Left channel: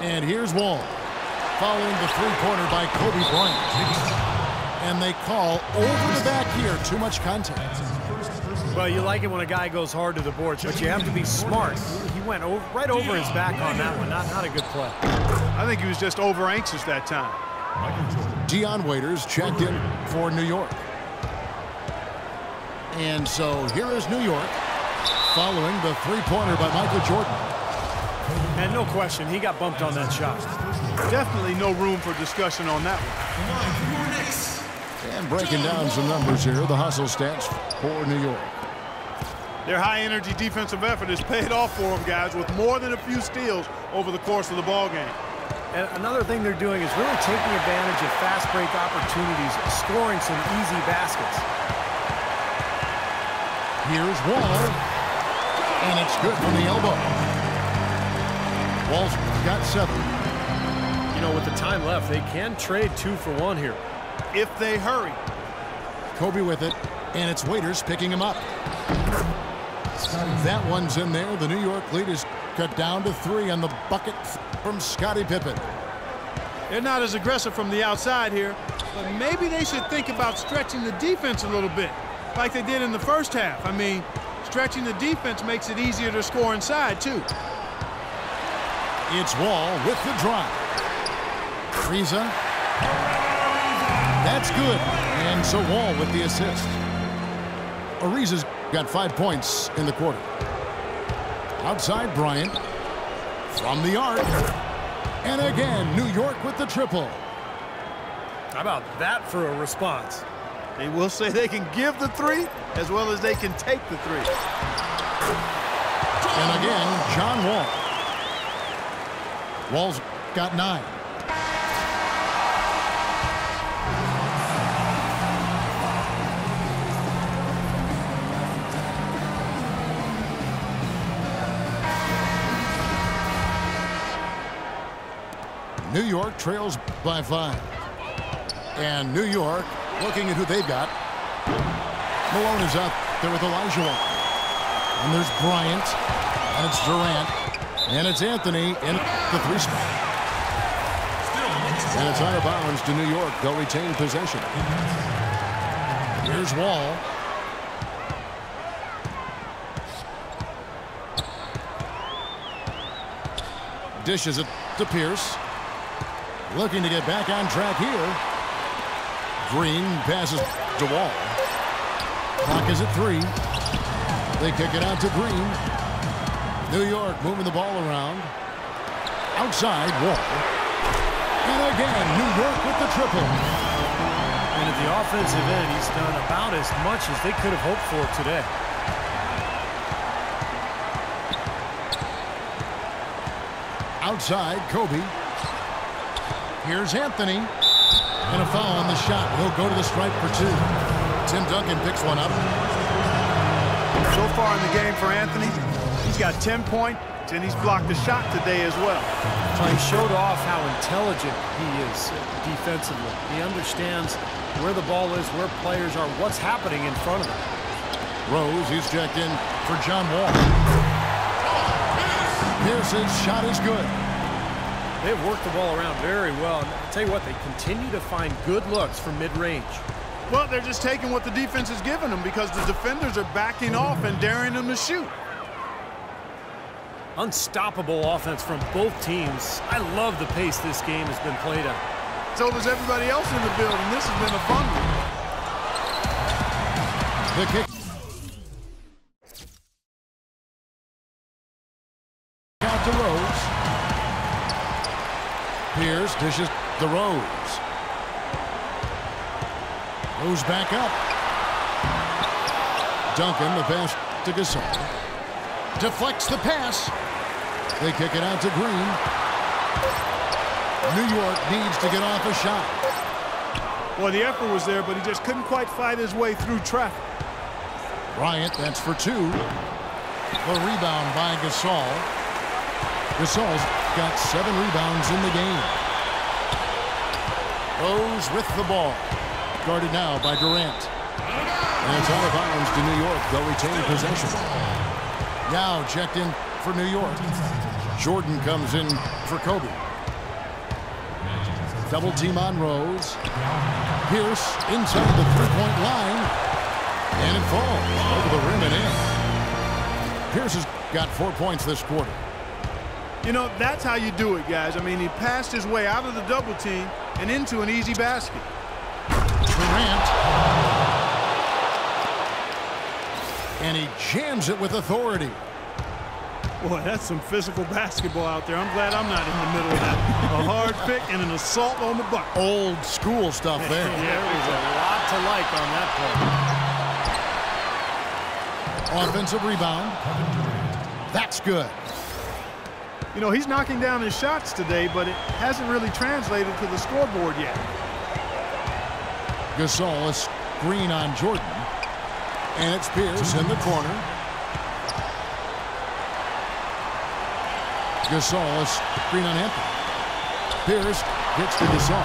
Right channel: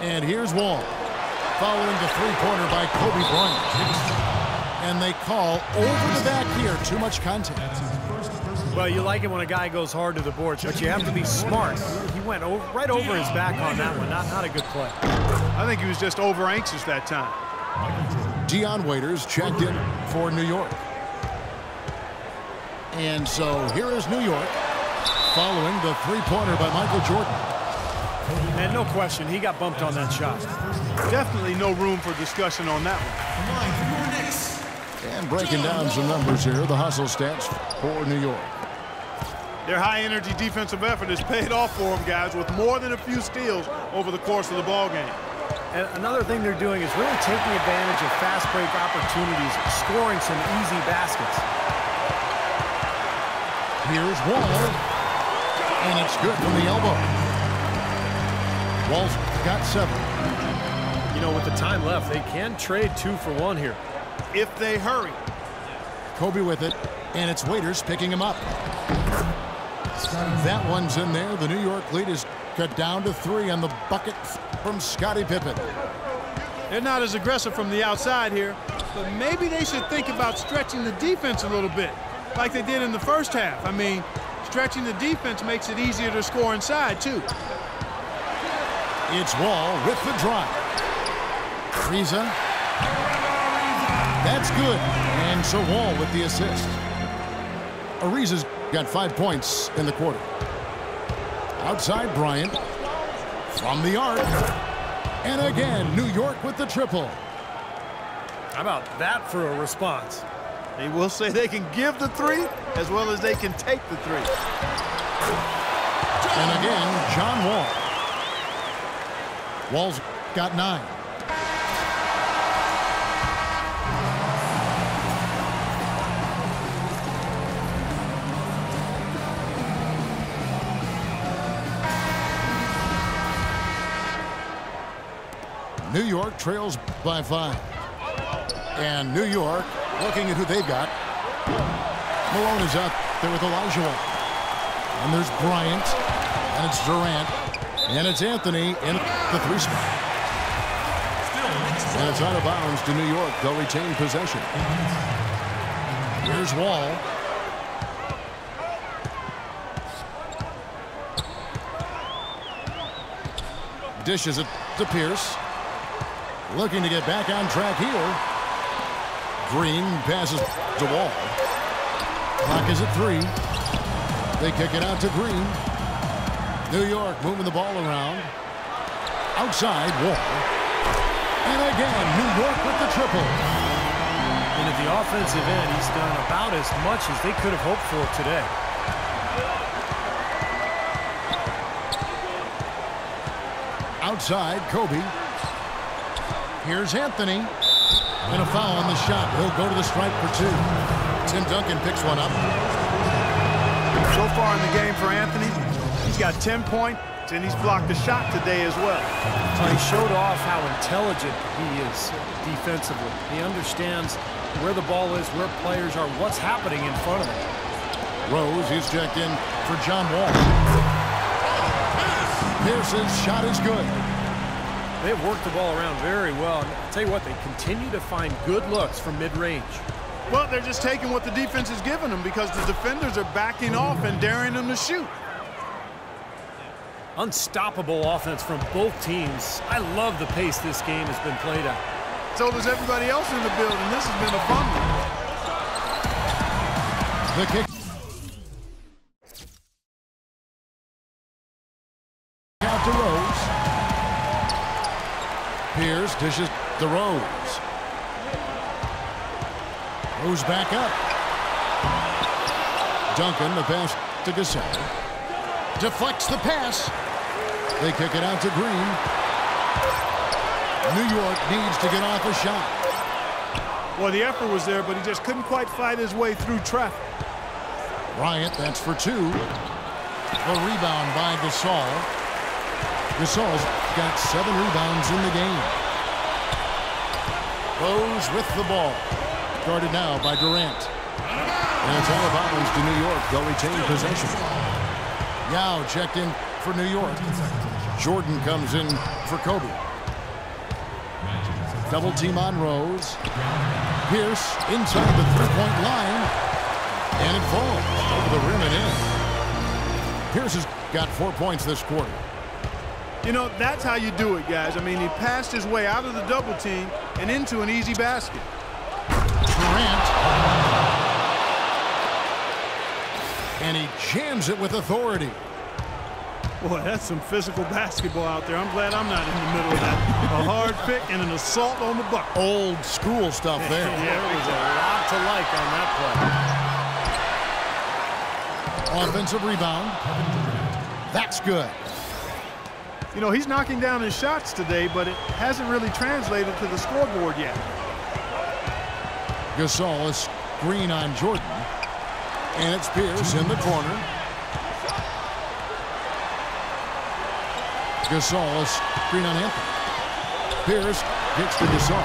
And here's Wall, following the three-pointer by Kobe Bryant. And they call over the back here, too much contact. Well, you like it when a guy goes hard to the boards, but you have to be smart. He went right over his back on that one. Not a good play. I think he was just over anxious that time. Dion Waiters checked in for New York. And so here is New York, following the three-pointer by Michael Jordan. And no question, he got bumped on that shot. Definitely no room for discussion on that one. And breaking down some numbers here, the hustle stats for New York. Their high-energy defensive effort has paid off for them, guys, with more than a few steals over the course of the ball game. And another thing they're doing is really taking advantage of fast break opportunities, scoring some easy baskets. Here's Wall, and it's good from the elbow. Wall's got 7. You know, with the time left, they can trade 2 for 1 here. If they hurry. Kobe with it, and it's Waiters picking him up. That one's in there. The New York lead is cut down to 3 on the bucket from Scottie Pippen. They're not as aggressive from the outside here, but maybe they should think about stretching the defense a little bit, like they did in the first half. I mean, stretching the defense makes it easier to score inside, too. It's Wall with the drive. Ariza. That's good. And so Wall with the assist. Ariza's got 5 points in the quarter. Outside Bryant. From the arc. And again, New York with the triple. How about that for a response? They will say they can give the 3 as well as they can take the 3. And again, John Wall. Wall's got 9. New York trails by 5. And New York looking at who they've got. Malone is up there with Elijah Wall. And there's Bryant. And it's Durant. And it's Anthony in the 3 spot. And it's out of bounds to New York. They'll retain possession. Here's Wall. Dishes it to Pierce. Looking to get back on track here. Green passes to Wall. Clock is at 3. They kick it out to Green. New York moving the ball around. Outside, Wall. And again, New York with the triple. And at the offensive end, he's done about as much as they could have hoped for today. Outside, Kobe. Here's Anthony. And a foul on the shot. He'll go to the stripe for 2. Tim Duncan picks one up. So far in the game for Anthony, he's got 10 points, and he's blocked a shot today as well. So he showed off how intelligent he is defensively. He understands where the ball is, where players are, what's happening in front of him. Rose, he's checked in for John Wall. Pierce's shot is good. They've worked the ball around very well. And I'll tell you what, they continue to find good looks from mid-range. Well, they're just taking what the defense is giving them because the defenders are backing off and daring them to shoot. Unstoppable offense from both teams. I love the pace this game has been played at. So does everybody else in the building. This has been a fun one. The kick. Out to Rose. Pierce dishes to Rose. Rose back up. Duncan, the pass to Gasol. Deflects the pass. They kick it out to Green. New York needs to get off a shot. Well, the effort was there, but he just couldn't quite fight his way through traffic. Bryant, that's for 2. The rebound by Gasol. Gasol's got 7 rebounds in the game. Rose with the ball. Guarded now by Durant. And it's out of bounds to New York. They'll retain possession. Yao checked in for New York. Jordan comes in for Kobe. Double team on Rose. Pierce inside the three-point line. And it falls over the rim and in. Pierce has got 4 points this quarter. You know, that's how you do it, guys. I mean, he passed his way out of the double team and into an easy basket. Durant. And he jams it with authority. Boy, that's some physical basketball out there. I'm glad I'm not in the middle of that. A hard pick and an assault on the bucket. Old school stuff there. There was a lot to like on that play. Offensive rebound. That's good. You know, he's knocking down his shots today, but it hasn't really translated to the scoreboard yet. Gasol, a screen on Jordan. And it's Pierce in the corner. Gasol, a screen on Anthony. Pierce gets to Gasol.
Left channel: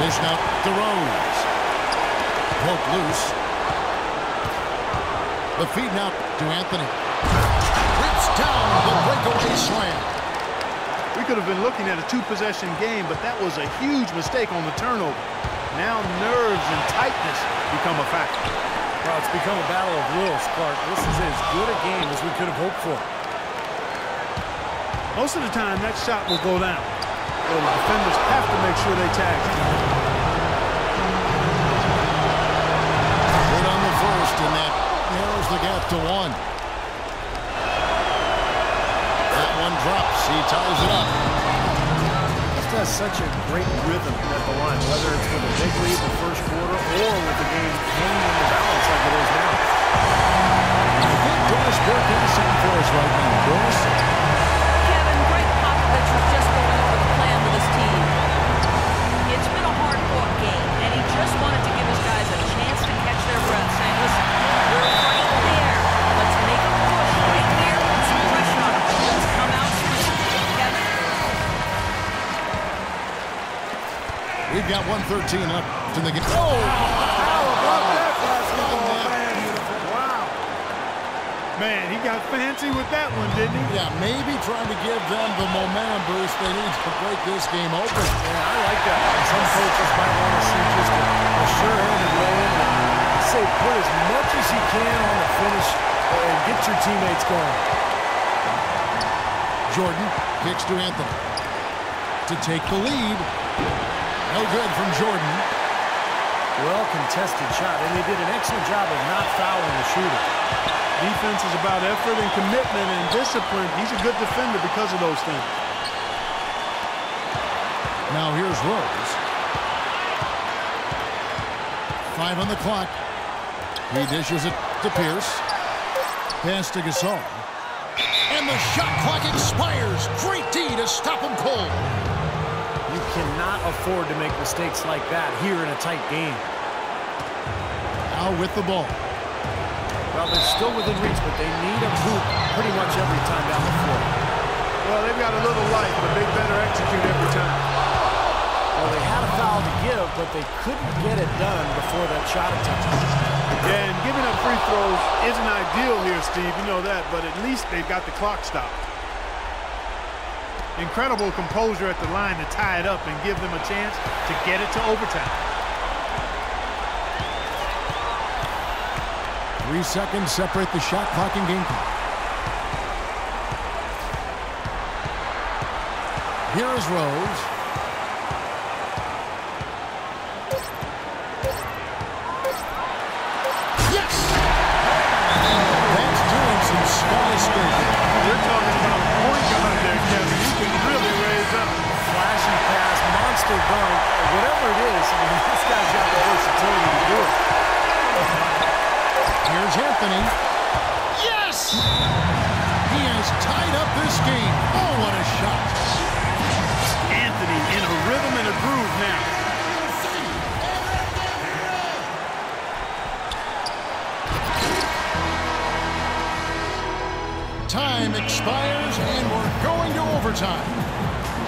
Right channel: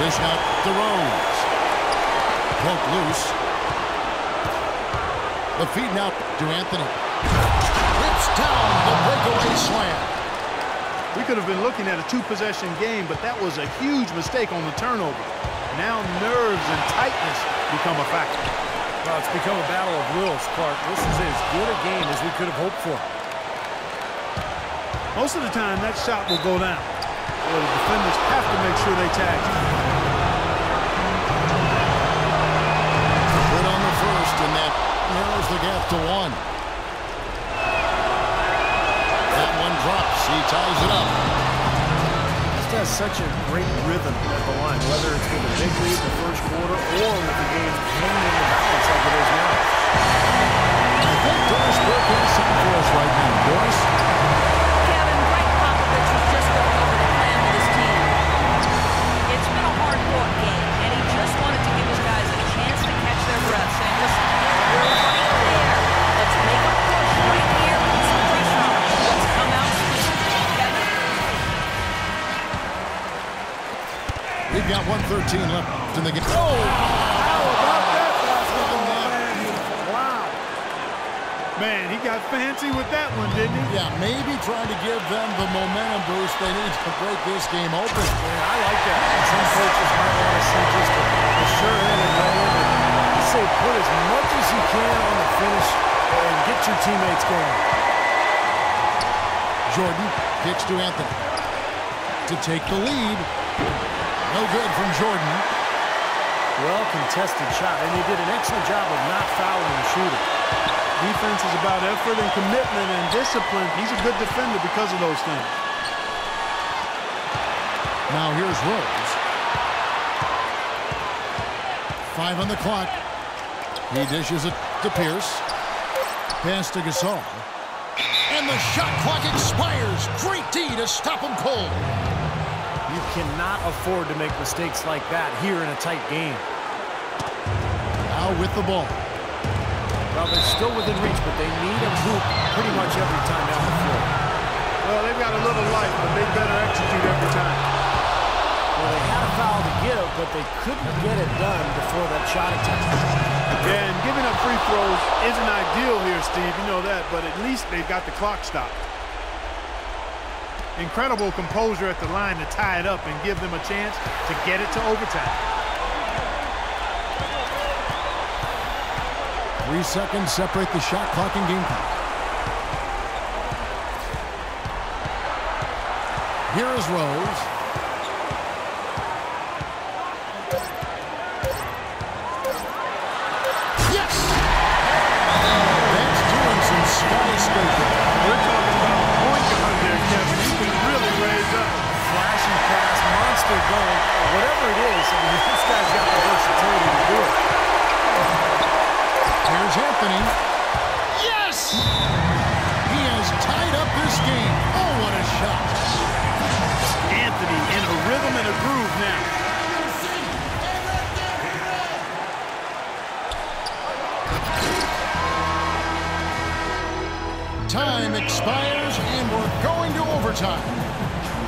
Dish out to Rose. Poke loose. The feed now to Anthony. Rips down the breakaway slam. We could have been looking at a two-possession game, but that was a huge mistake on the turnover. Now nerves and tightness become a factor. Well, it's become a battle of wills, Clark. This is as good a game as we could have hoped for. Most of the time, that shot will go down. Well, the defenders have to make sure they tag him. Good on the first, and that narrows the gap to one. That one drops. He ties it up. Just has such a great rhythm at the line, whether it's with a big lead the first quarter or with the game hanging in the balance like it is now. I think Doris Burke has something for us right now. Doris? Kevin, Greg Popovich was just going over the plan with his team. It's been a hard-fought game, and he just wanted to give his guys a chance to catch their breath, saying, listen, we're right there. Let's make a push right here, put some pressure on them. Let's come out swinging. Kevin? We've got 1:13 left in the game. Oh, how about that basketball fan uniform? Wow. Man, he got fancy with that one, didn't he? Yeah, maybe trying to give them the momentum boost they need to break this game open. Yeah, I like that. And some coaches might want to see just a sure-handed way in to say put as much as you can on the finish and get your teammates going. Jordan kicks to Anthony to take the lead. No good from Jordan. Well-contested shot, and they did an excellent job of not fouling the shooter. Defense is about effort and commitment and discipline. He's a good defender because of those things. Now here's Rose. 5 on the clock. He dishes it to Pierce. Pass to Gasol. And the shot clock expires. Great D to stop him cold. You cannot afford to make mistakes like that here in a tight game. Now with the ball. Well, they're still within reach, but they need a hoop pretty much every time down the floor. Well, they've got a little life, but they better execute every time. Well, they had a foul to give, but they couldn't get it done before that shot attempt. Yeah, and giving up free throws isn't ideal here, Steve. You know that, but at least they've got the clock stopped. Incredible composure at the line to tie it up and give them a chance to get it to overtime. 3 seconds separate the shot clock and game clock. Here is Rose. Yes! That's doing some skyscraping. We're talking about a point guard there, Kevin. You can really raise up. Flashy pass, monster dunk, whatever it is. I mean, this guy's got the versatility to do it. Here's Anthony. Yes! He has tied up this game. Oh, what a shot. Anthony in a rhythm and a groove now. Time expires, and we're going to overtime.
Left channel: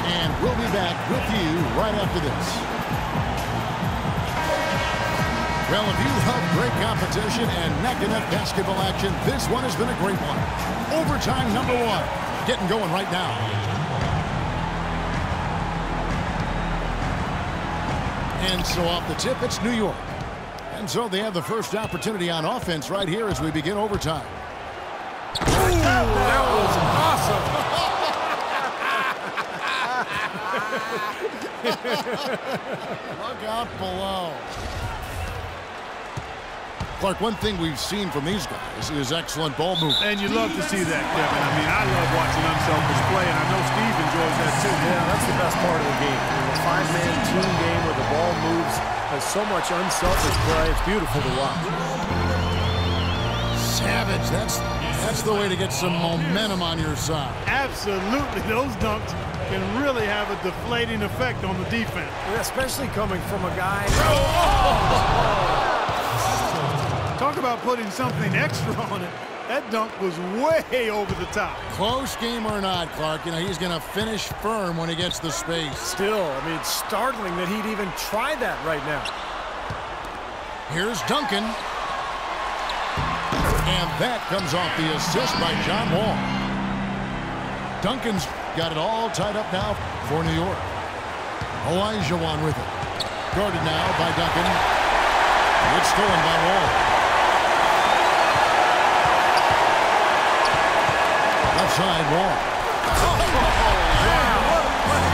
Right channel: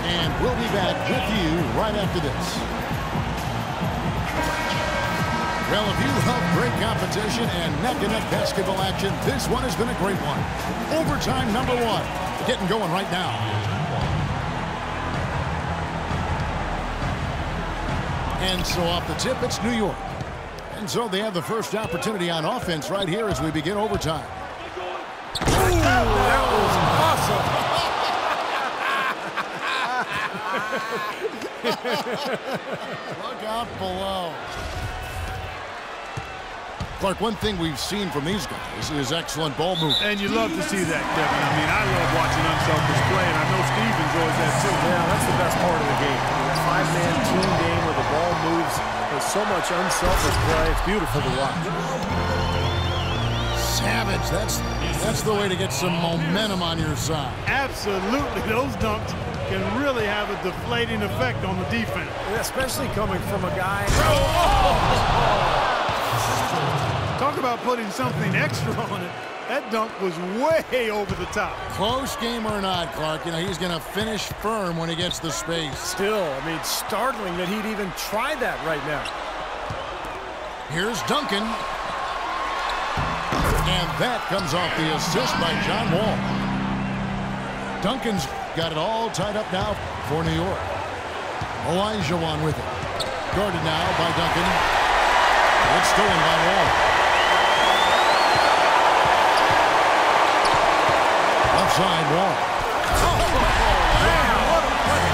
And we'll be back with you right after this. Well, if you love great competition and neck-and-neck basketball action, this one has been a great one. Overtime number 1. Getting going right now. And so off the tip, it's New York. And so they have the first opportunity on offense right here as we begin overtime. Ooh, that was awesome. Look out below. Clark, one thing we've seen from these guys is excellent ball movement. And you love to see that, Kevin. I mean, I love watching unselfish play, and I know Steve enjoys that too. Yeah, that's the best part of the game. I mean, a five-man team game where the ball moves. There's so much unselfish play. It's beautiful to watch. Savage. That's the way to get some momentum on your side. Absolutely. Those dunks can really have a deflating effect on the defense. Especially coming from a guy. Talk about putting something extra on it. That dunk was way over the top. Close game or not, Clark, you know, he's going to finish firm when he gets the space. Still, I mean, startling that he'd even try that right now. Here's Duncan. And that comes off the assist by John Wall. Duncan's got it all tied up now for New York. Olajuwon with it. Guarded now by Duncan. It's stolen by Wall. Left side, Wall. Man, what a play.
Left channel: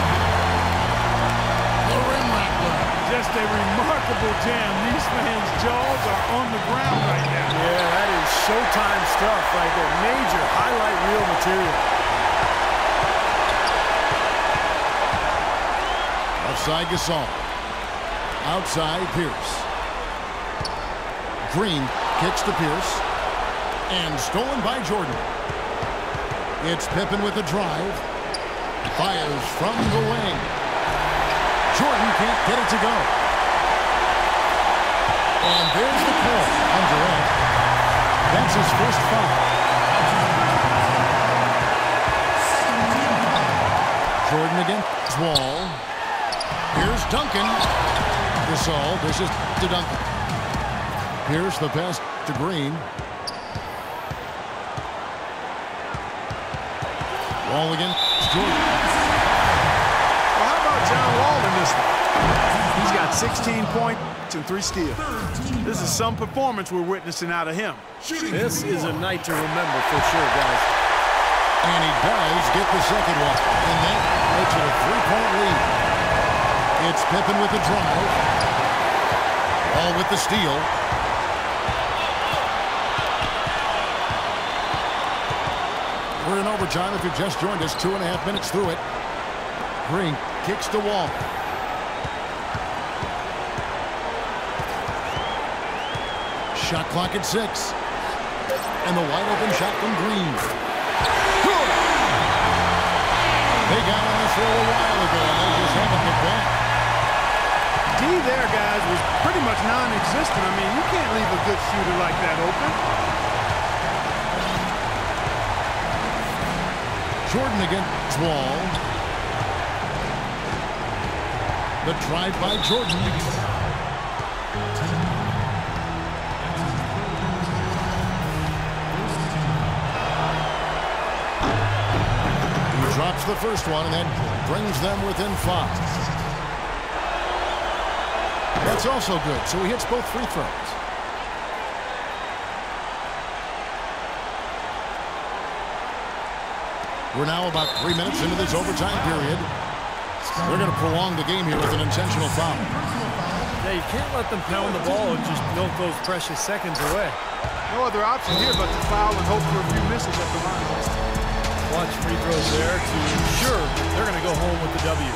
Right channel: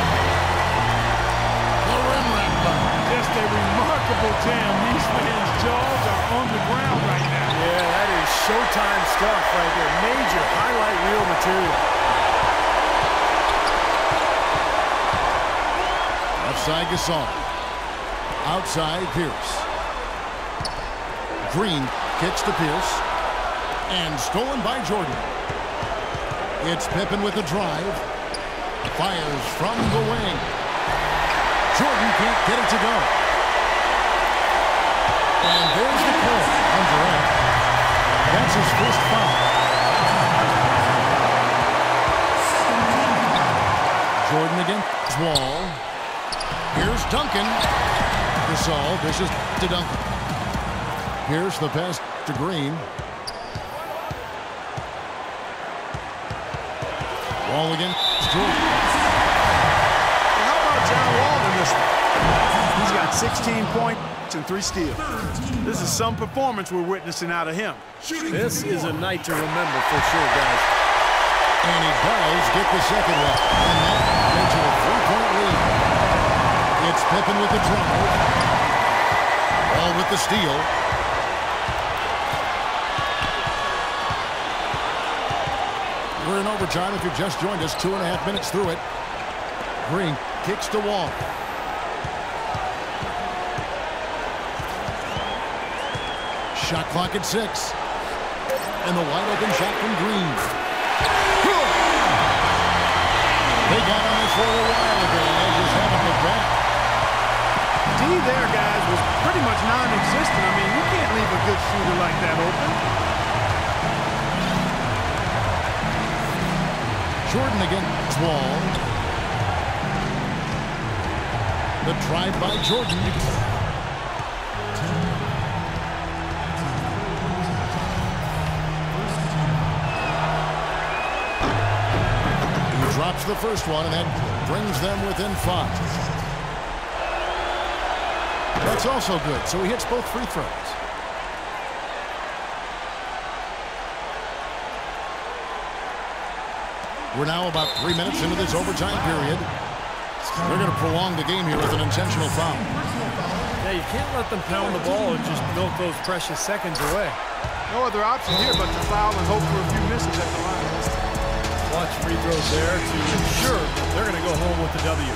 The rim rattler. Just a remarkable jam. These fans' jaws are on the ground right now. Yeah, that is Showtime stuff right there. Major highlight reel material. Left side, Gasol. Outside, Pierce. Green kicks to Pierce. And stolen by Jordan. It's Pippen with the drive. Fires from the wing. Jordan can't get it to go. And there's the call on Durant. That's his first foul. Jordan against Wall. Here's Duncan. Gasol dishes to Duncan. Pierce the pass to Green. Wall against Jordan. Well, how about John Wall in this one? He's got 16 points and 3 steals. This is some performance we're witnessing out of him. This is a night to remember for sure, guys. And he does get the second one. And that makes it a 3-point lead. It's Pippen with the drive. Wall with the steal. We're in overtime. If you've just joined us, 2.5 minutes through it. Green kicks to Wall. Shot clock at 6. And the wide open shot from Green. Good. They got on this for a while ago, and they just haven't looked back. D there, guys, was pretty much non-existent. I mean, you can't leave a good shooter like that open. Jordan against Wall. The drive by Jordan. He drops the first one, and that brings them within 5. That's also good, so he hits both free throws. We're now about 3 minutes into this overtime period. They're going to prolong the game here with an intentional foul. Yeah, you can't let them pound the ball and just milk those precious seconds away. No other option here but to foul and hope for a few misses at the line. Watch free throws there to ensure that they're going to go home with the W.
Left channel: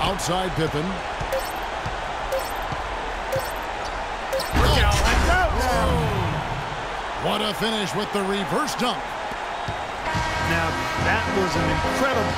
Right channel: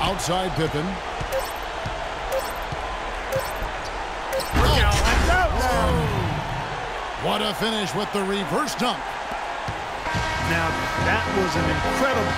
Outside Pippen. What a finish with the reverse dunk. Now, that was an incredible